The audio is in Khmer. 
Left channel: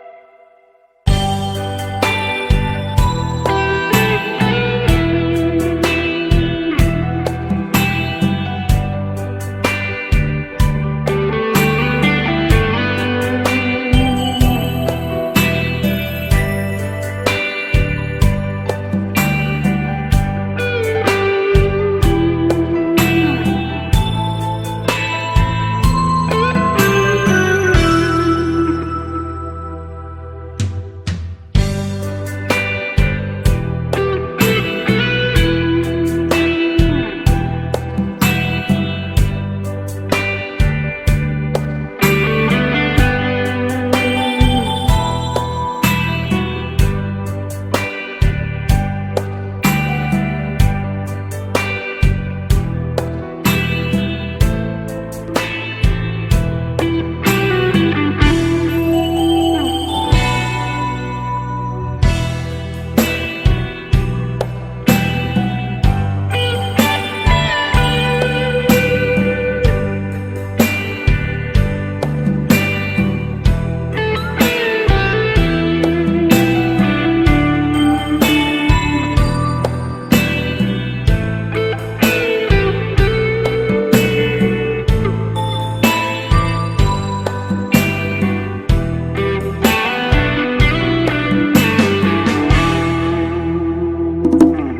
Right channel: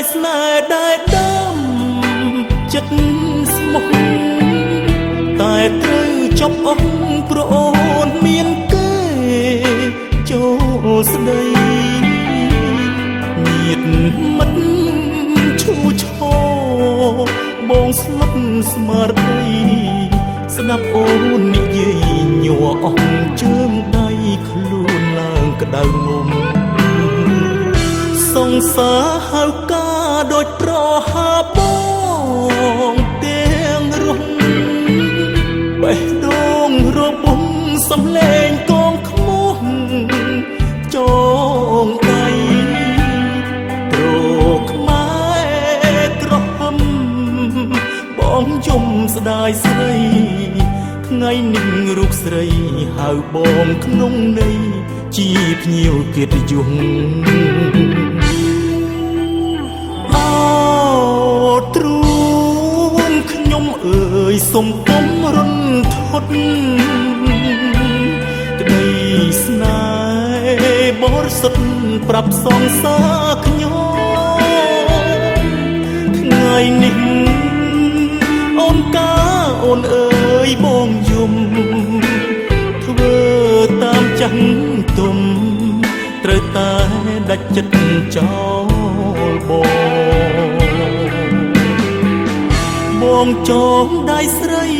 យស្នេហ៍ដែលដើមចិត្តស្មោះតែត្រូវចប់អស់ព្រោះអូនមានគេចូលស្ដីមានមិនឈូឆោបងស្លាប់ស្មារតីស្ដាប់អូននិយាយញ័រអស់ជើងដៃខ្លួនឡើងក្តៅមុំសង្សារហៅការដូចប្រហាបងទាំងរស់បេះដូងរបួសសំលេងកងខ្មោះចងដៃព្រោះខ្មែរក្រហមបងយំស្ដាយស្រីថ្ងៃនេះរូបស្រីហៅបងក្នុងន័យជាភ្ញៀវកិត្តិយសសុំគុំរន្ធត់ក្តីស្នេហ៍បរិសុទ្ធប្រាប់សងសាខ្ញុំថ្ងៃនេះអូនកាអូនអើយបងយំធ្វើតាមចាស់ទុំត្រូវតែដាច់ចិត្តចោលបងចងដៃស្រី